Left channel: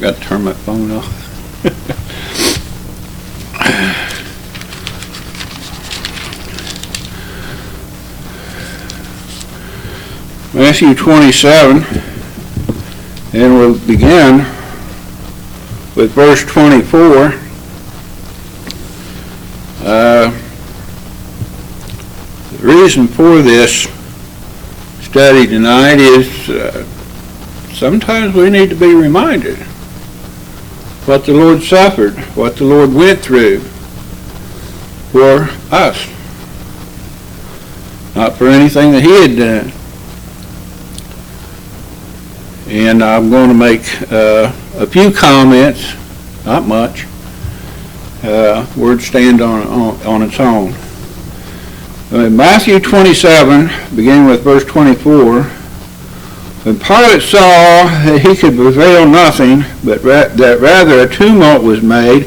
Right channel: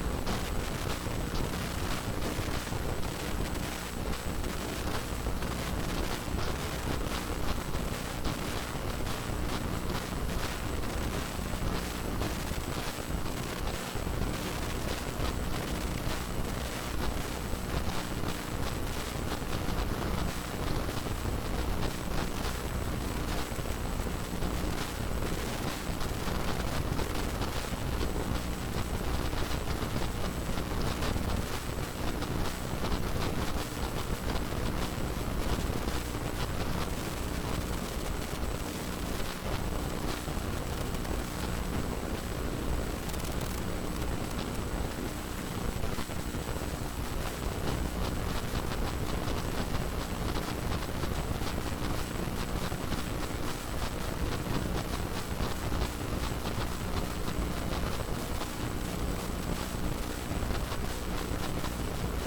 Got to turn my phone off. Matthew 27, and we'll begin with verse 24. The reason for this study tonight is sometimes we need to be reminded what the Lord suffered, what the Lord went through for us, not for anything that he had done. And I'm going to make a few comments, not much. Word stand on its own. In Matthew 27, beginning with verse 24, when Pilate saw that he could prevail nothing, but that rather a tumult was made,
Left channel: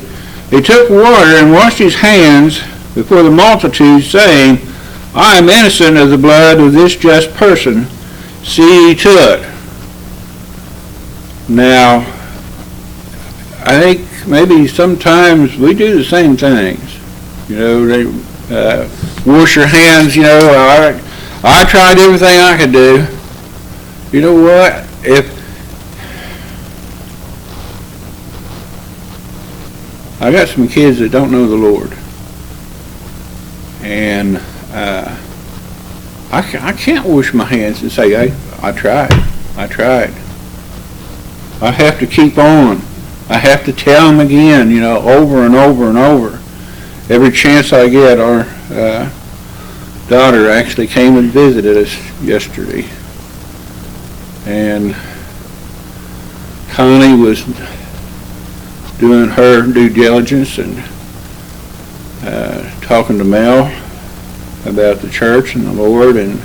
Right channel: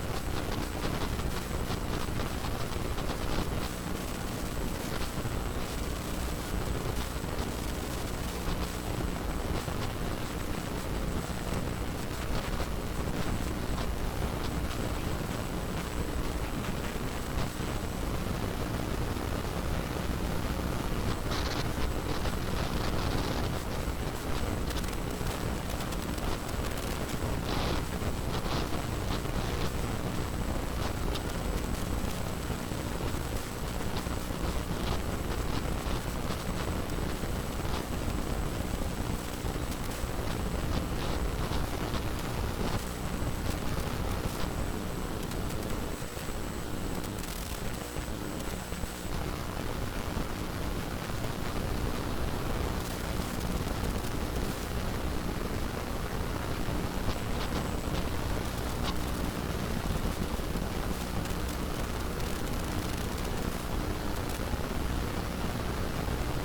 he took water and washed his hands before the multitude, saying, I am innocent of the blood of this just person. See ye to it. Now, I think maybe sometimes we do the same things. You know, they wash your hands, you know, I tried everything I could do. You know what? If I got some kids that don't know the Lord, and I can't wash my hands and say, hey, I tried. I have to keep on. I have to tell them again, you know, over and over and over. Every chance I get, our daughter actually came and visited us yesterday. And Connie was doing her due diligence and talking to Mel about the church and the Lord, and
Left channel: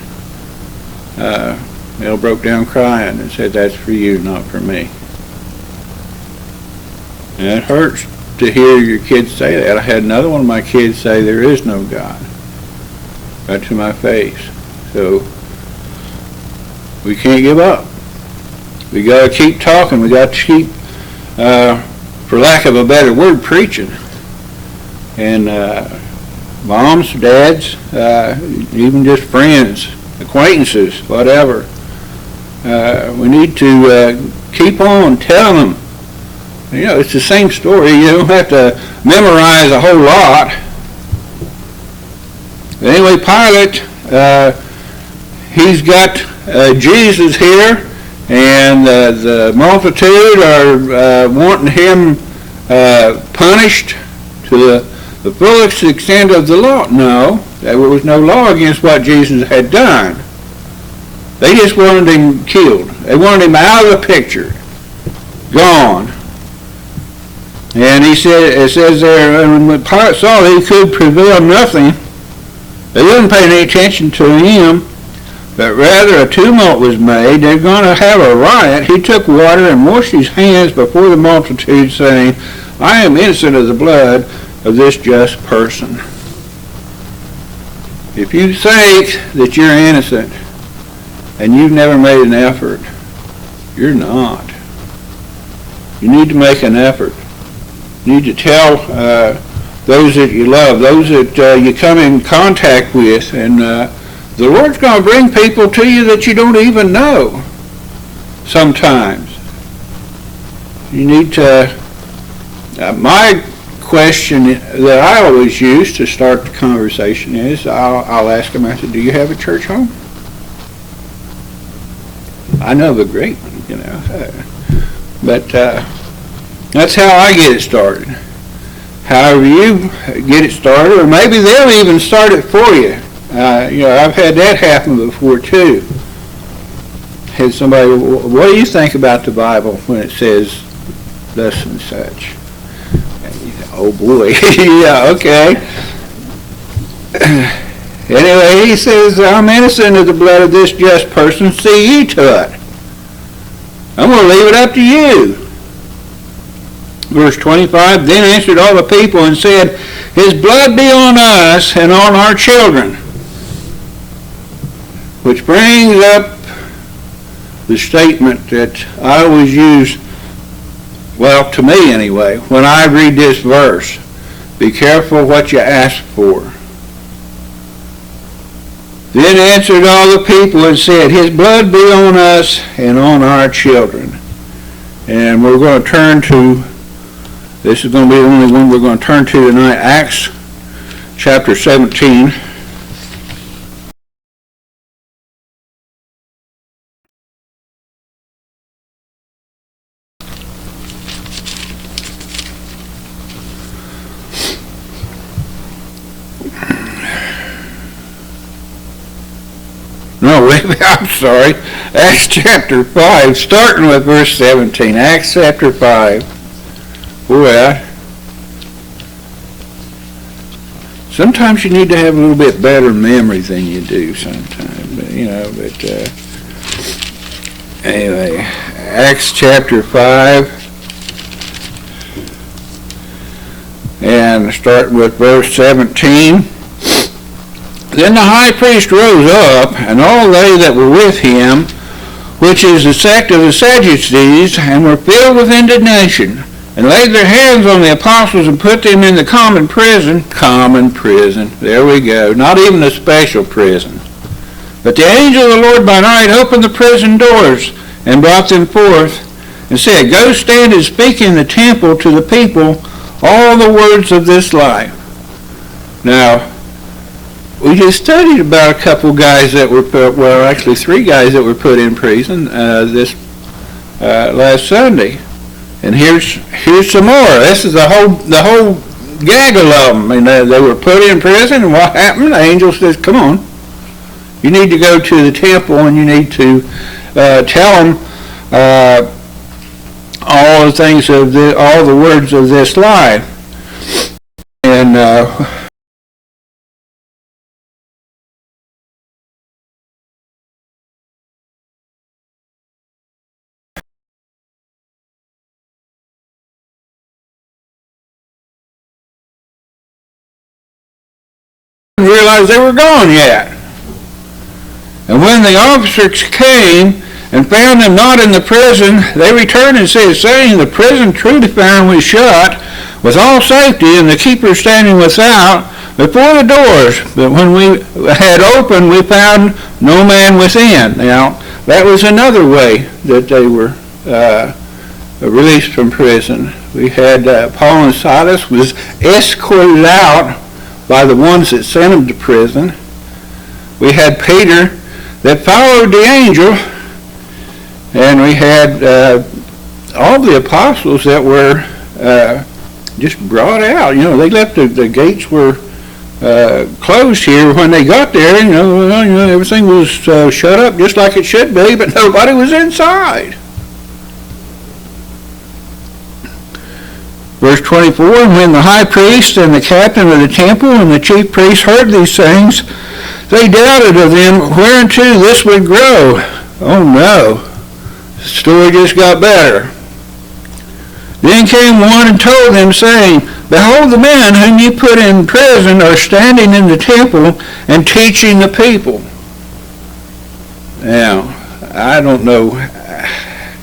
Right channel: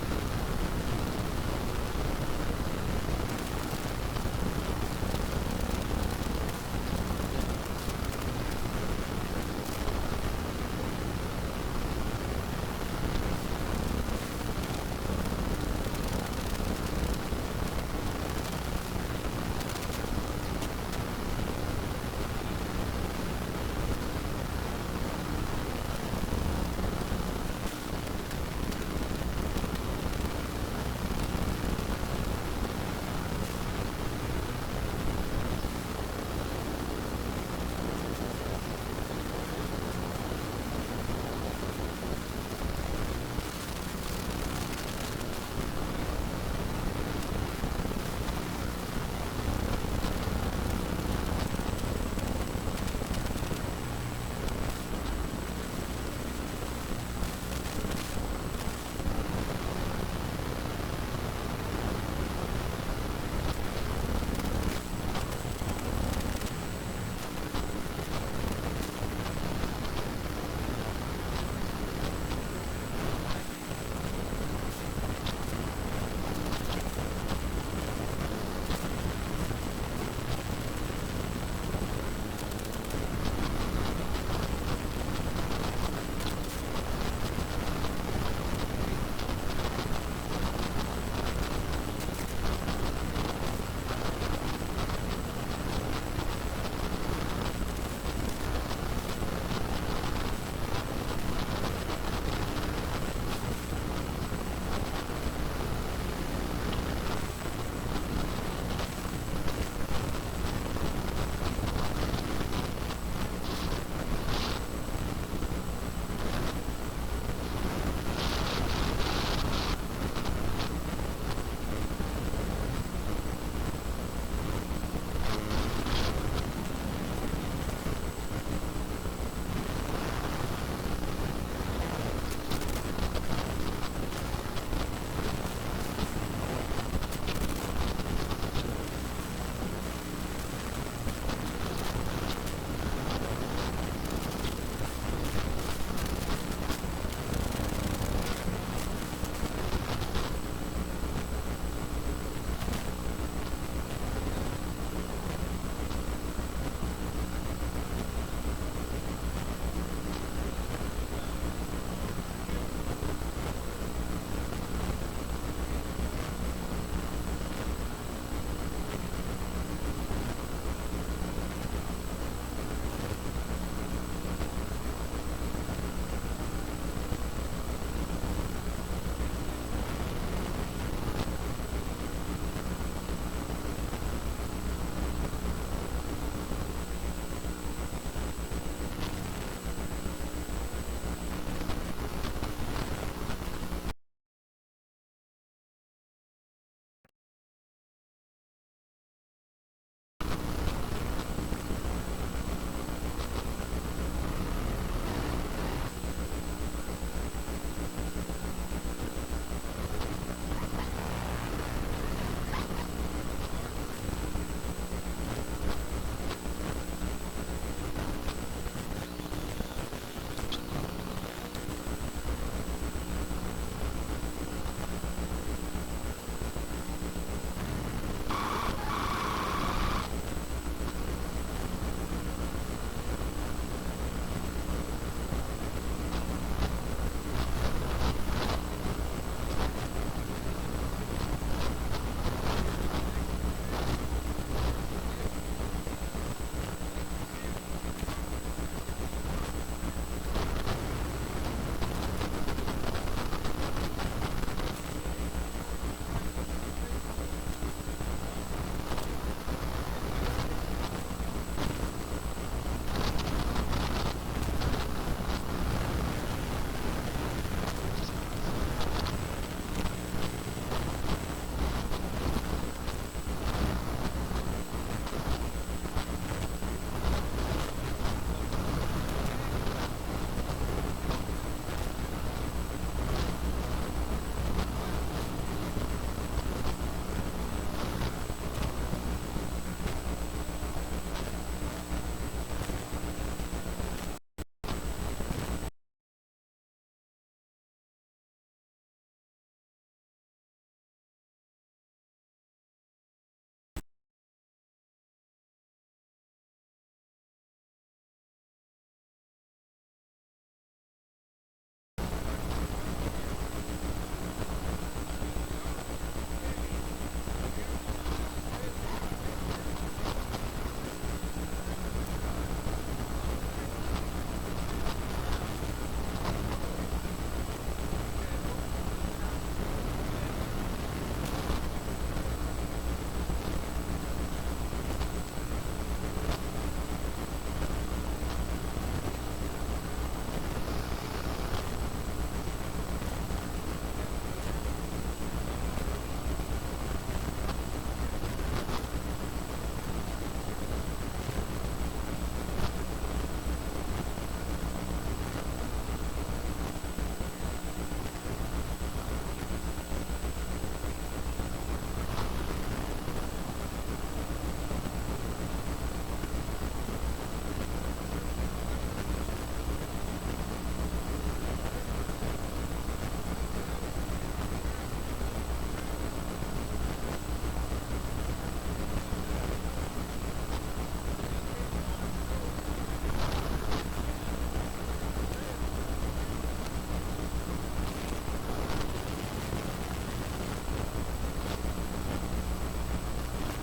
Mel broke down crying and said, that's for you, not for me. And it hurts to hear your kids say that. I had another one of my kids say, there is no God, right to my face. So we can't give up. We got to keep talking. We got to keep, for lack of a better word, preaching. And moms, dads, even just friends, acquaintances, whatever. We need to keep on telling them. You know, it's the same story. You don't have to memorize a whole lot. Anyway, Pilate, he's got Jesus here, and the multitude are wanting him punished to the fullest extent of the law. No, there was no law against what Jesus had done. They just wanted him killed. They wanted him out of the picture, gone. And he said, it says there, when Pilate saw that he could prevail nothing, they wouldn't pay any attention to him, but rather a tumult was made. They're going to have a riot. He took water and washed his hands before the multitude, saying, I am innocent of the blood of this just person. If you think that you're innocent and you've never made an effort, you're not. You need to make an effort. You need to tell those that you love, those that you come in contact with, and the Lord's going to bring people to you that you don't even know sometimes. You need to, my question that I always use to start the conversation is, I'll ask them, I said, do you have a church home? I know the great, you know, but that's how I get it started. However you get it started, or maybe they'll even start it for you. You know, I've had that happen before too. Had somebody, what do you think about the Bible when it says thus and such? Oh boy, yeah, okay. Anyway, he says, I'm innocent of the blood of this just person, see ye to it. I'm going to leave it up to you. Verse 25, then answered all the people and said, his blood be on us and on our children. Which brings up the statement that I always use well, to me anyway, when I read this verse, be careful what you ask for. Then answered all the people and said, his blood be on us and on our children. And we're going to turn to, this is going to be the only one we're going to turn to tonight, Acts chapter 17. No, I'm sorry. Acts chapter 5, starting with verse 17. Acts chapter 5. Boy, sometimes you need to have a little bit better memory than you do sometimes. But anyway, Acts chapter 5. And starting with verse 17. Then the high priest rose up, and all they that were with him, which is the sect of the Sadducees, and were filled with indignation, and laid their hands on the apostles and put them in the common prison. Common prison. There we go. Not even a special prison. But the angel of the Lord by night opened the prison doors and brought them forth, and said, go stand and speak in the temple to the people all the words of this life. Now, we just studied about a couple guys that were put, well, actually 3 guys that were put in prison this last Sunday, and here's some more. This is the whole gaggle of them. And they were put in prison, and what happened? The angel says, "Come on, you need to go to the temple, and you need to tell them all the things of all the words of this life." And realized they were gone yet. And when the officers came and found them not in the prison, they returned and said, saying, the prison truly found we shut with all safety, and the keeper standing without before the doors. But when we had opened, we found no man within. Now, that was another way that they were released from prison. We had Paul and Silas was escorted out by the ones that sent them to prison. We had Peter that followed the angel, and we had all the apostles that were just brought out. They left the gates were closed here when they got there. Everything was shut up just like it should be, but nobody was inside. Verse 24, and when the high priest and the captain of the temple and the chief priests heard these things, they doubted of them whereunto this would grow. Oh no, the story just got better. Then came one and told them, saying, behold, the men whom you put in prison are standing in the temple and teaching the people. Now, I don't know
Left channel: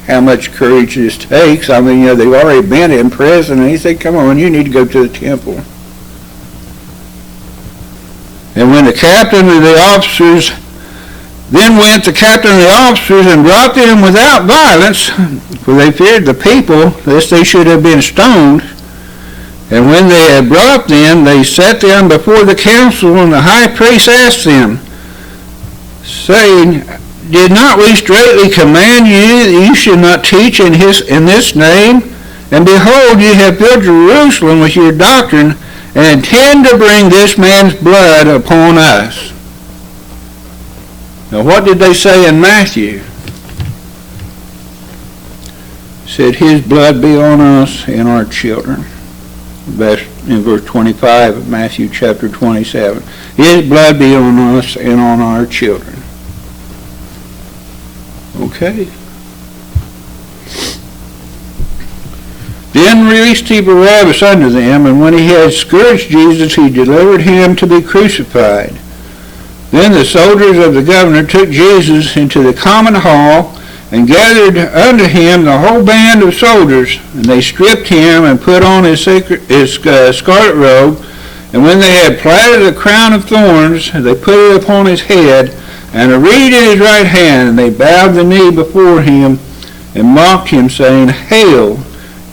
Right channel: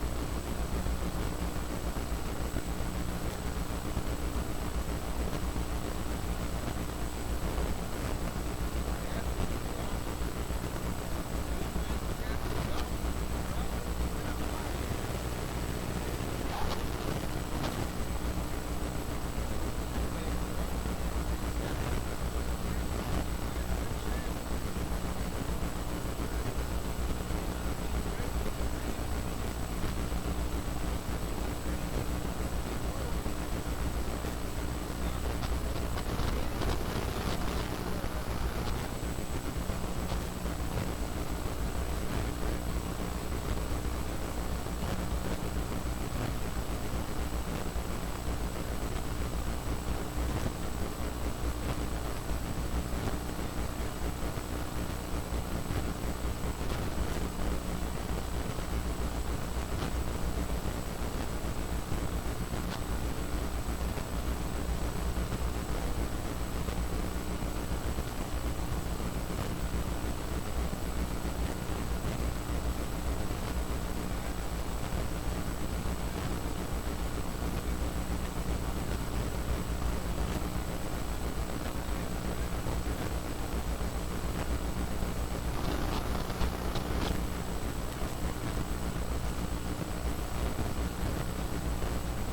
how much courage this takes. I mean, they've already been in prison, and he said, come on, you need to go to the temple. And when the captain of the officers, then went the captain of the officers and brought them without violence, for they feared the people, lest they should have been stoned. And when they had brought them, they set them before the council, and the high priest asked them, saying, did not we straitly command you that you should not teach in this name? And behold, you have filled Jerusalem with your doctrine, and intend to bring this man's blood upon us. Now what did they say in Matthew? It said, his blood be on us and our children. That's in verse 25 of Matthew chapter 27. His blood be on us and on our children. Okay. Then released he Barabbas unto them, and when he had scourged Jesus, he delivered him to be crucified. Then the soldiers of the governor took Jesus into the common hall, and gathered unto him the whole band of soldiers, and they stripped him and put on his scarlet robe, and when they had platted a crown of thorns, they put it upon his head, and a reed in his right hand, and they bowed the knee before him, and mocked him, saying, Hail,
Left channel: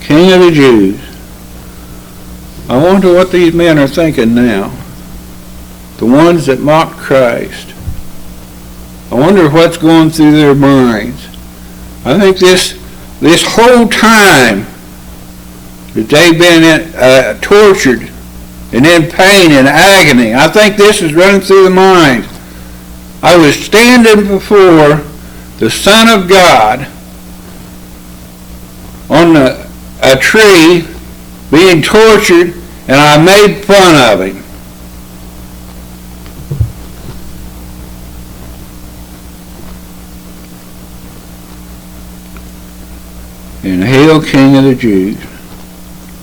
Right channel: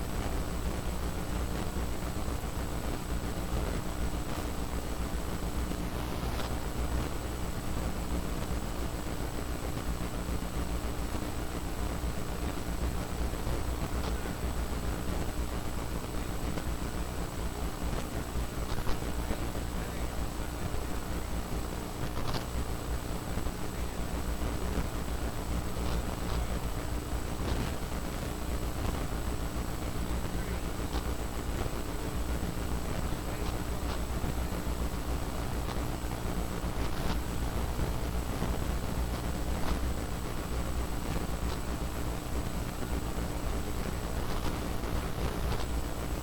King of the Jews. I wonder what these men are thinking now, the ones that mocked Christ. I wonder what's going through their minds. I think this whole time that they've been tortured and in pain and agony, I think this is running through the mind. I was standing before the Son of God on a tree being tortured, and I made fun of him. And hail, King of the Jews.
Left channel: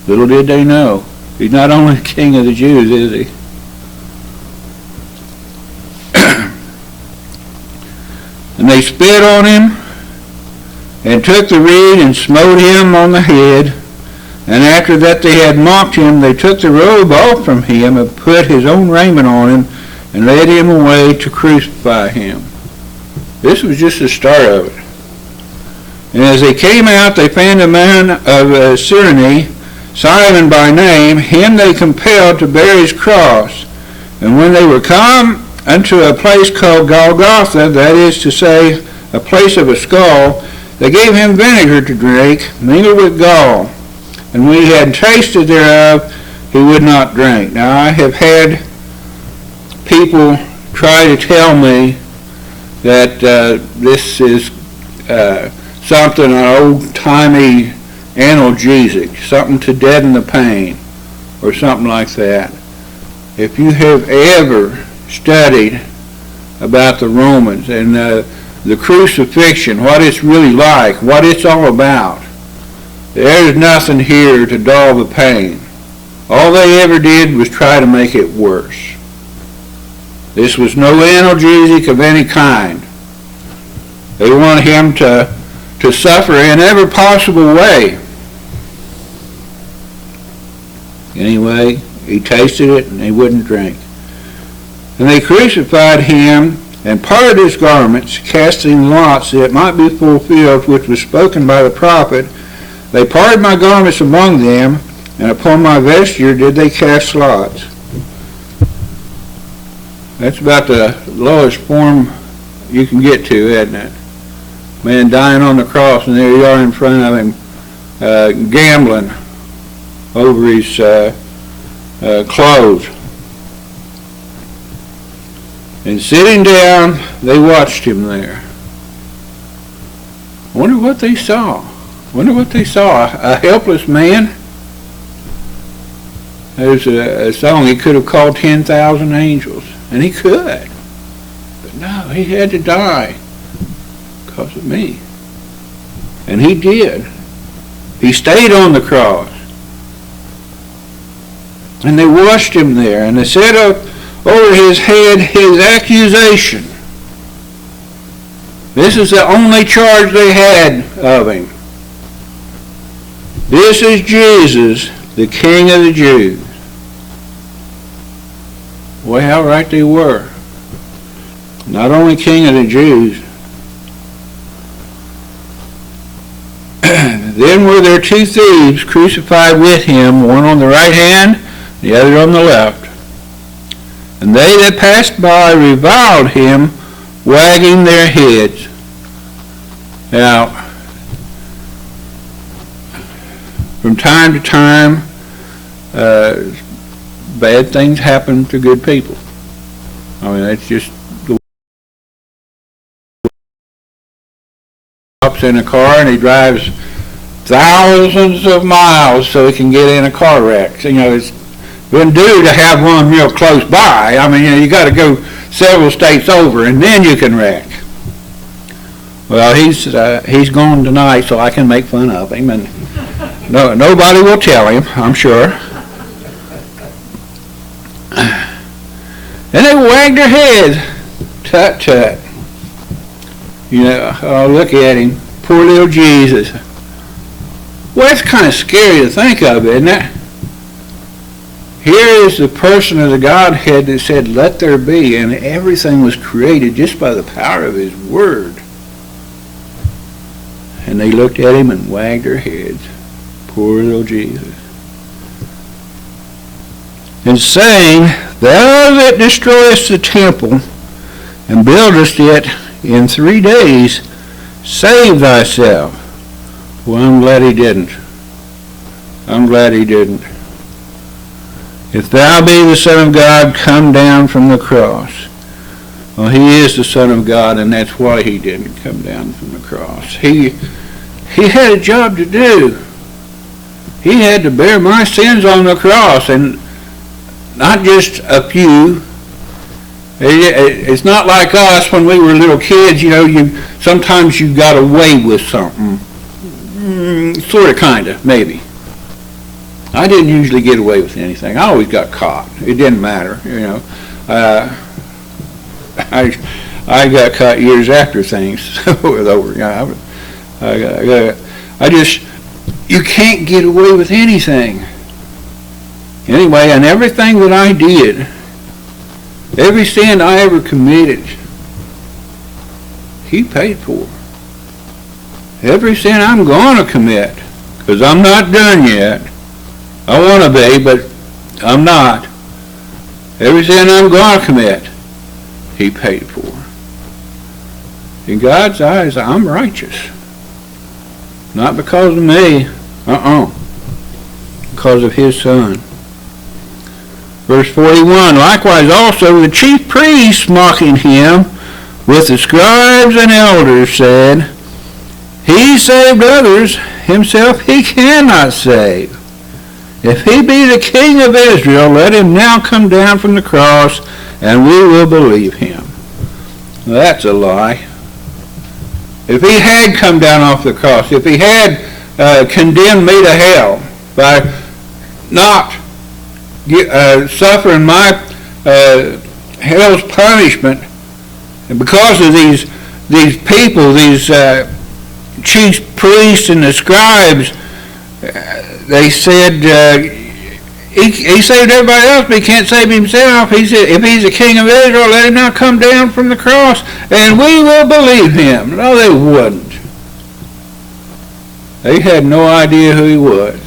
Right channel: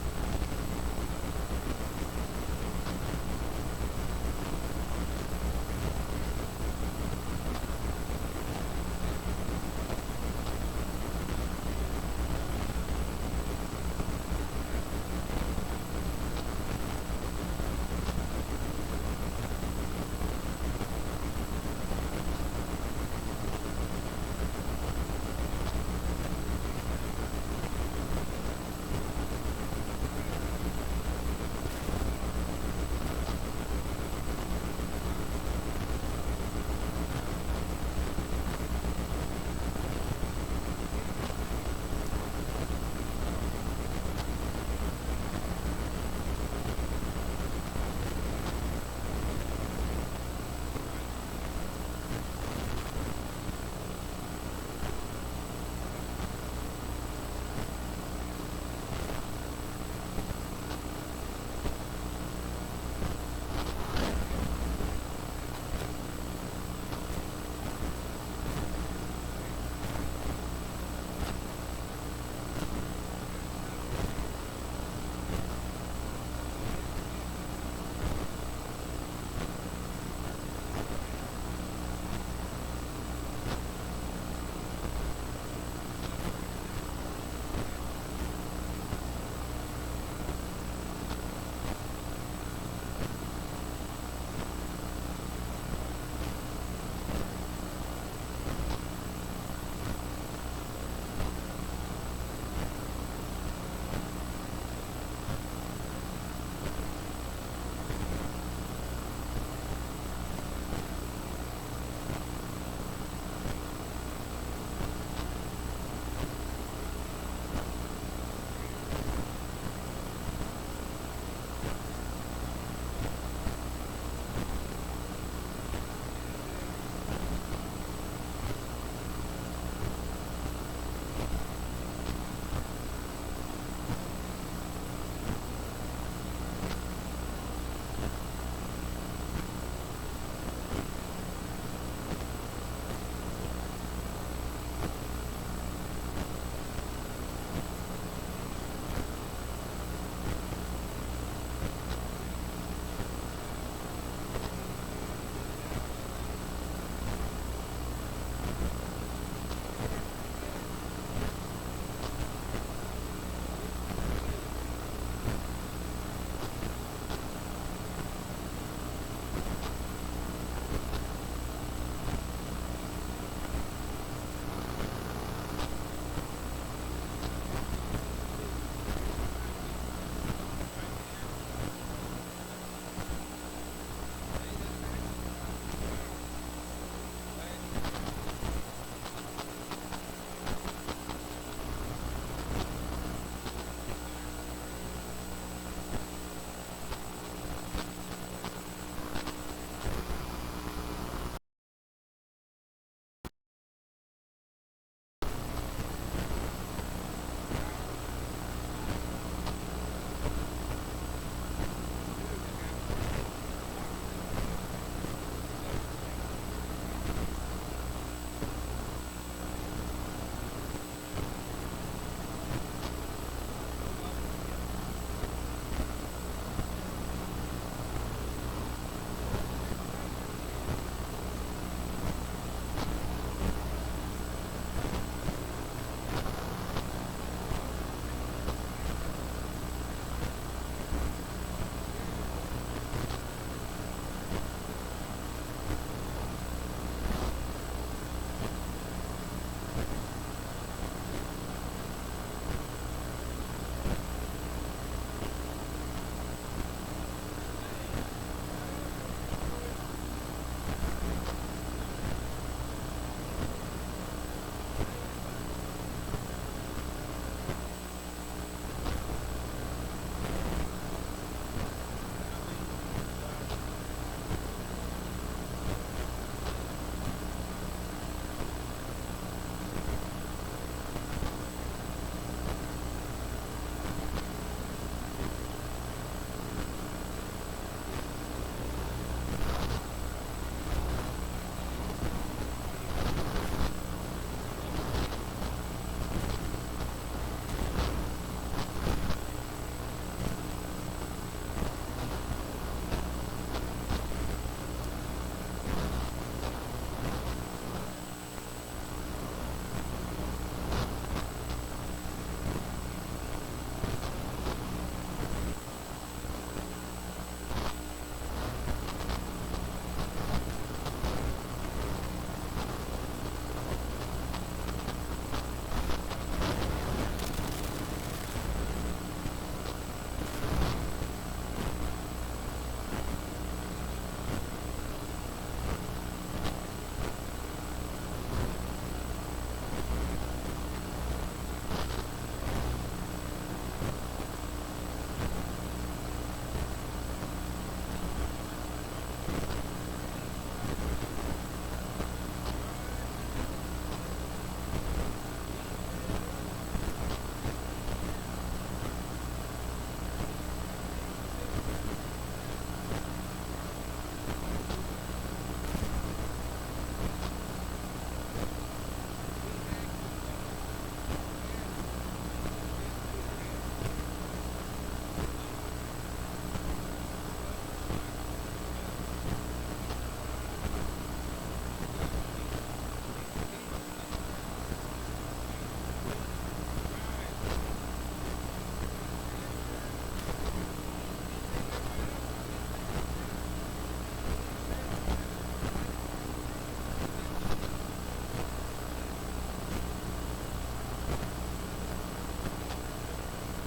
Little did they know, he's not only King of the Jews, is he? And they spit on him, and took the reed and smote him on the head. And after that they had mocked him, they took the robe off from him, and put his own raiment on him, and led him away to crucify him. This was just the start of it. And as they came out, they found a man of Cyrene, Simon by name. Him they compelled to bear his cross. And when they were come unto a place called Golgotha, that is to say, a place of a skull, they gave him vinegar to drink, mingled with gall. And when he had tasted thereof, he would not drink. Now I have had people try to tell me that this is something, an old-timey analgesic, something to deaden the pain, or something like that. If you have ever studied about the Romans and the crucifixion, what it's really like, what it's all about, there's nothing here to dull the pain. All they ever did was try to make it worse. This was no analgesic of any kind. They wanted him to suffer in every possible way. Anyway, he tasted it and he wouldn't drink. And they crucified him and parted his garments, casting lots that it might be fulfilled which was spoken by the prophet. They parted my garments among them, and upon my vesture did they cast lots. That's about the lowest form you can get to, isn't it? Man dying on the cross, and there you are in front of him, gambling over his clothes. And sitting down, they watched him there. Wonder what they saw. Wonder what they saw. A helpless man. There's a song, he could have called 10,000 angels, and he could. But no, he had to die because of me. And he did. He stayed on the cross. And they washed him there, and they set up over his head his accusation. This is the only charge they had of him. This is Jesus, the King of the Jews. Well, how right they were. Not only King of the Jews. Then were there two thieves crucified with him, one on the right hand, the other on the left. And they that passed by reviled him, wagging their heads. Now, from time to time, bad things happen to good people. I mean, that's just the way he hops in a car and he drives thousands of miles so he can get in a car wreck. So, you know, it wouldn't do to have one real close by. I mean, you got to go several states over and then you can wreck. Well, he's gone tonight, so I can make fun of him, and nobody will tell him, I'm sure. And they wagged their heads. Tut, tut. You know, oh, look at him. Poor little Jesus. Well, it's kind of scary to think of, isn't it? Here is the person of the Godhead that said, let there be, and everything was created just by the power of his word. And they looked at him and wagged their heads. Poor little Jesus. And saying, thou that destroyest the temple, and buildest it in 3 days, save thyself. Well, I'm glad he didn't. I'm glad he didn't. If thou be the Son of God, come down from the cross. Well, he is the Son of God, and that's why he didn't come down from the cross. He had a job to do. He had to bear my sins on the cross, and not just a few. It's not like us when we were little kids, sometimes you got away with something. Sort of, kind of, maybe. I didn't usually get away with anything. I always got caught. It didn't matter, I got caught years after things was over. You can't get away with anything. Anyway, and everything that I did, every sin I ever committed, he paid for. Every sin I'm going to commit, because I'm not done yet. I want to be, but I'm not. Every sin I'm going to commit, he paid for. In God's eyes, I'm righteous. Not because of me, because of his Son. Verse 41, likewise also the chief priests mocking him with the scribes and elders said, he saved others, himself he cannot save. If he be the King of Israel, let him now come down from the cross, and we will believe him. Well, that's a lie. If he had come down off the cross, if he had condemned me to hell by not suffering my hell's punishment, and because of these people, these chief priests and the scribes, they said he saved everybody else, but he can't save himself. He said, if he's the King of Israel, let him now come down from the cross, and we will believe him. No, they wouldn't. They had no idea who he was.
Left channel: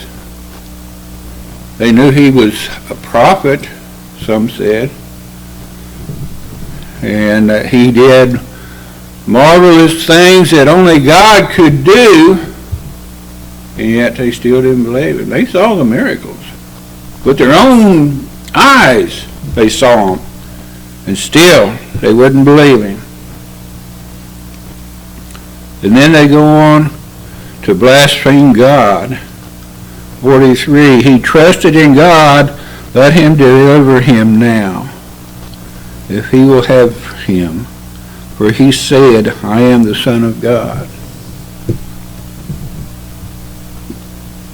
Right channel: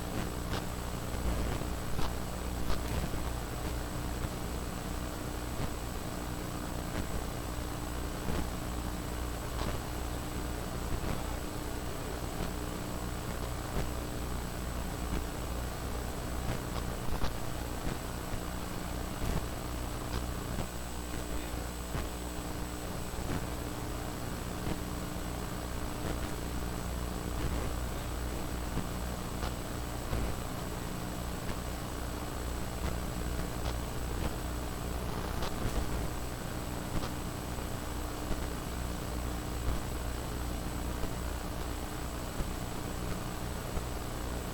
They knew he was a prophet, some said, and he did marvelous things that only God could do, and yet they still didn't believe him. They saw the miracles. With their own eyes, they saw him, and still they wouldn't believe him. And then they go on to blaspheme God. 43, he trusted in God, let him deliver him now, if he will have him. For he said, I am the Son of God.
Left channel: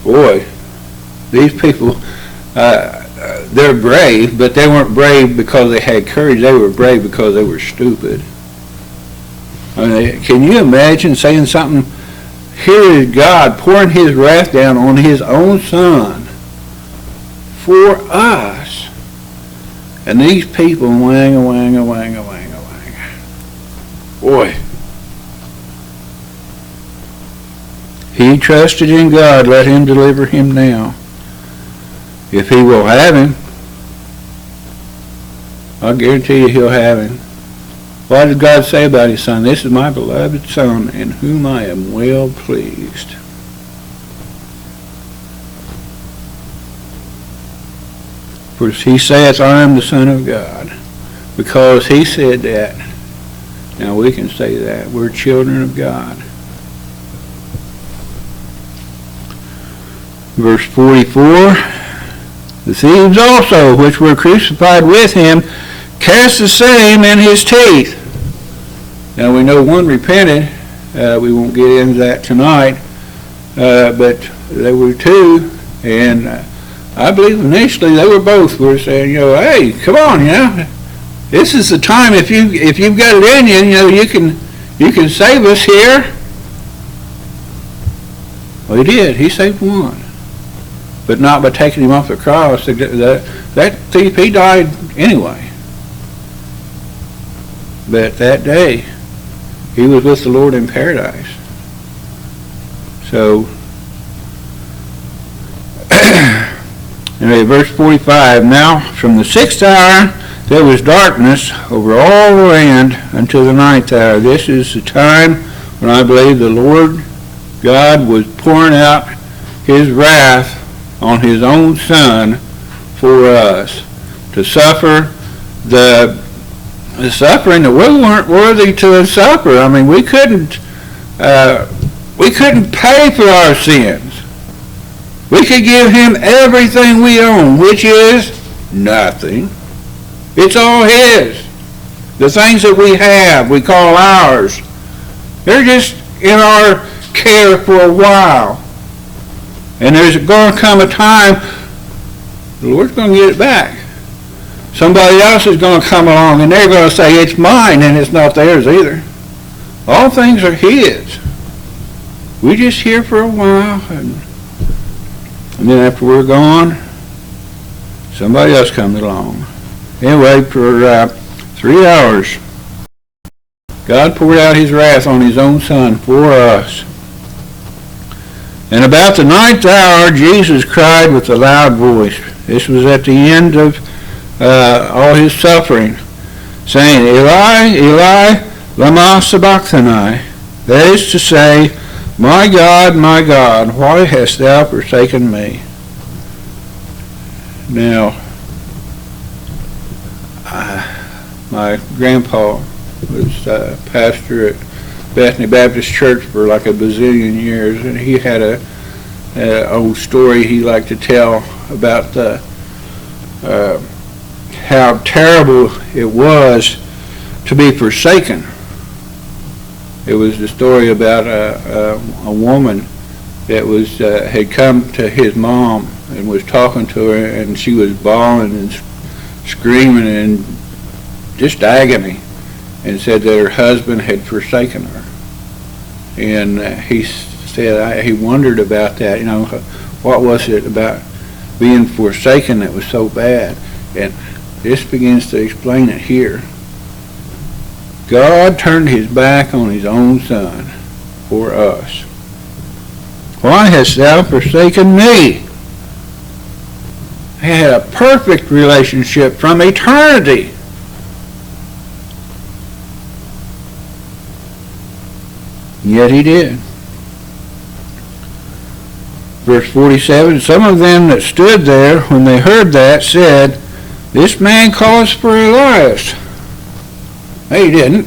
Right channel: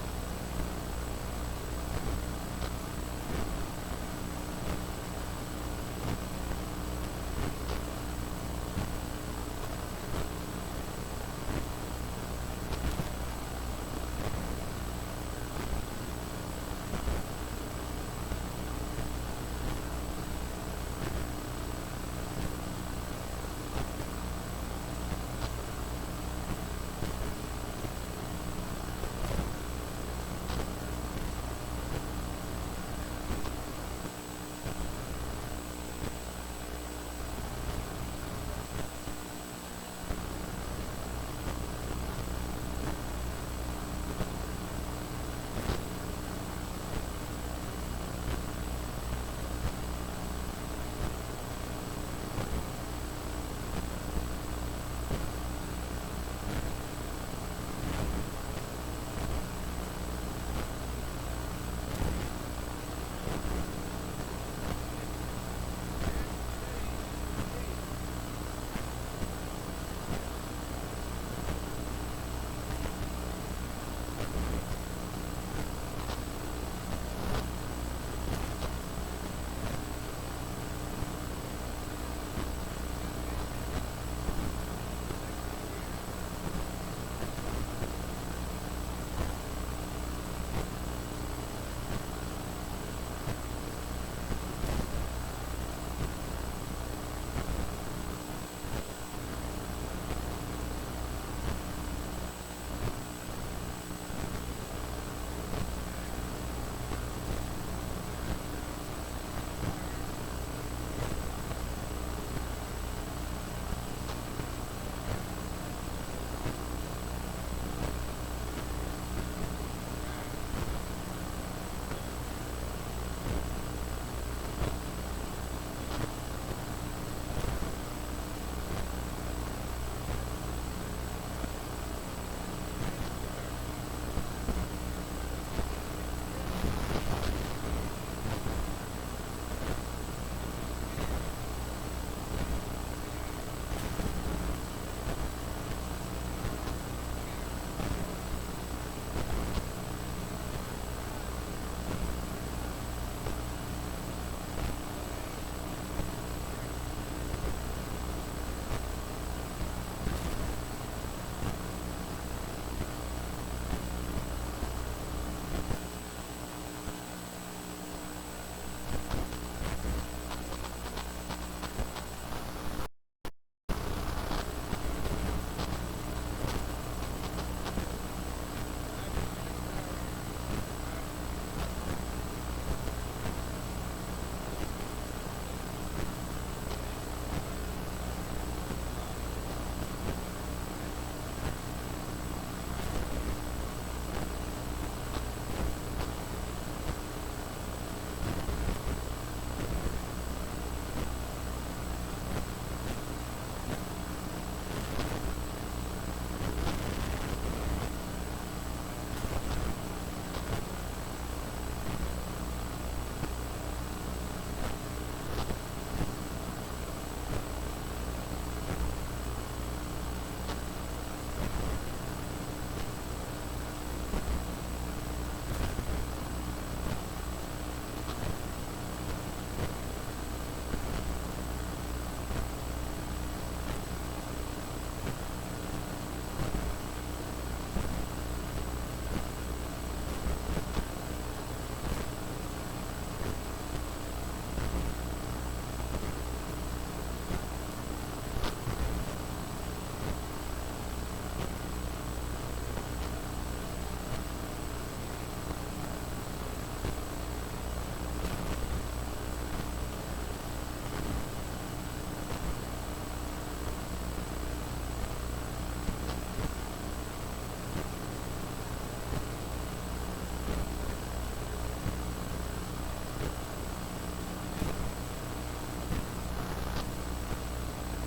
Boy, these people, they're brave, but they weren't brave because they had courage. They were brave because they were stupid. I mean, can you imagine saying something? Here is God pouring his wrath down on his own Son for us. And these people wang. Boy. He trusted in God, let him deliver him now. If he will have him, I'll guarantee you he'll have him. What did God say about his Son? This is my beloved Son, in whom I am well pleased. For he saith, I am the Son of God. Because he said that, now we can say that. We're children of God. Verse 44, the thieves also, which were crucified with him, cast the same in his teeth. Now we know one repented. We won't get into that tonight. But there were two, and I believe initially they were saying, hey, come on, this is the time. If you've got it in you, you can save us here. Well, he did. He saved one. But not by taking him off the cross. That thief, he died anyway. But that day, he was with the Lord in paradise. So, anyway, verse 45, now from the 6th hour there was darkness over all the land until the 9th hour. This is the time when I believe the Lord God was pouring out his wrath on his own Son for us, to suffer the suffering that we weren't worthy to suffer. I mean, we couldn't pay for our sins. We could give him everything we own, which is nothing. It's all his. The things that we have, we call ours. They're just in our care for a while. And there's going to come a time the Lord's going to get it back. Somebody else is going to come along and they're going to say, it's mine, and it's not theirs either. All things are his. We're just here for a while, and then after we're gone, somebody else comes along. Anyway, for 3 hours, God poured out his wrath on his own Son for us. And about the 9th hour, Jesus cried with a loud voice. This was at the end of all his suffering, saying, Eli, Eli, lama sabachthani. That is to say, my God, why hast thou forsaken me? Now, my grandpa was pastor at Bethany Baptist Church for like a bazillion years, and he had a old story he liked to tell about how terrible it was to be forsaken. It was the story about a woman that was had come to his mom and was talking to her, and she was bawling and screaming and just agony, and said that her husband had forsaken her. And he said he wondered about that. You know, what was it about being forsaken that was so bad? And this begins to explain it here. God turned his back on his own Son for us. Why hast thou forsaken me? He had a perfect relationship from eternity. Yet he did. Verse 47, some of them that stood there, when they heard that, said, this man calls for Elias. He didn't.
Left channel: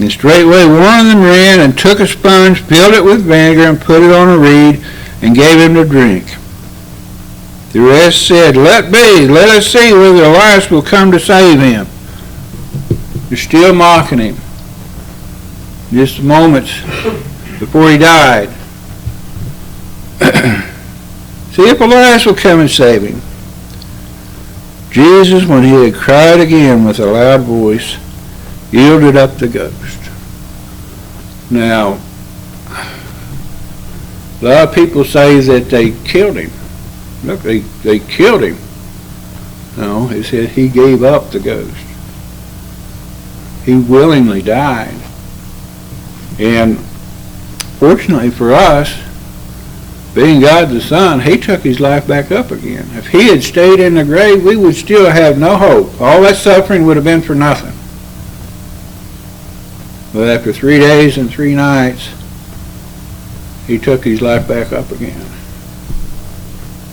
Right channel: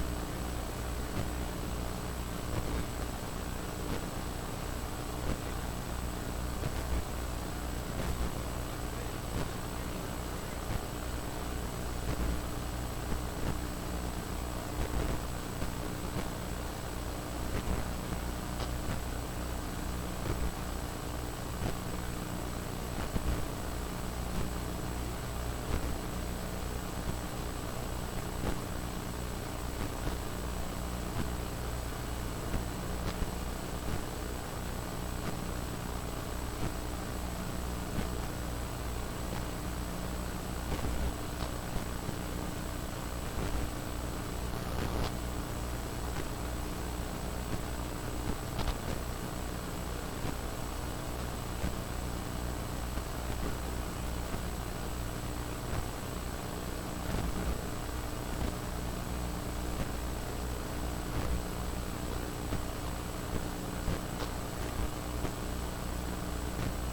And straightway one of them ran and took a sponge, filled it with vinegar, and put it on a reed, and gave him to drink. The rest said, let be, let us see whether Elias will come to save him. They're still mocking him. Just moments before he died. See if Elias will come and save him. Jesus, when he had cried again with a loud voice, yielded up the ghost. Now, a lot of people say that they killed him. Look, they killed him. No, he said he gave up the ghost. He willingly died. And fortunately for us, being God the Son, he took his life back up again. If he had stayed in the grave, we would still have no hope. All that suffering would have been for nothing. But after 3 days and 3 nights, he took his life back up again.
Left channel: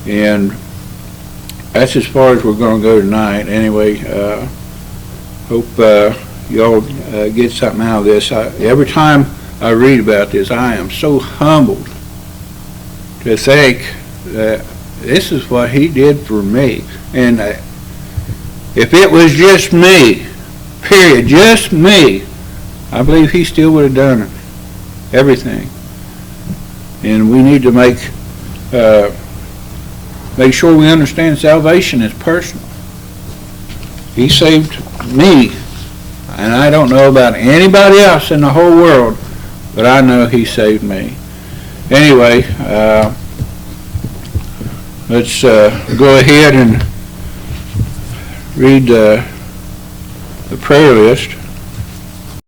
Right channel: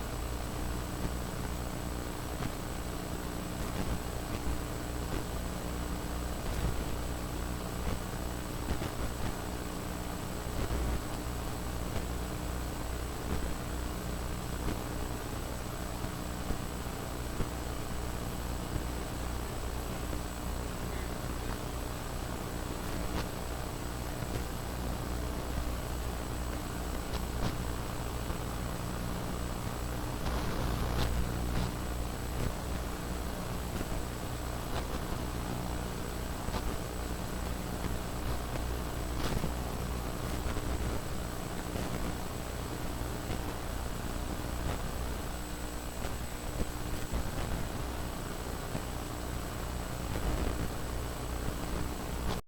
And that's as far as we're going to go tonight. Anyway, hope y'all get something out of this. Every time I read about this, I am so humbled to think that this is what he did for me. And if it was just me, period, just me, I believe he still would have done it. Everything. And we need to make sure we understand salvation is personal. He saved me. And I don't know about anybody else in the whole world, but I know he saved me. Anyway, let's go ahead and read the prayer list.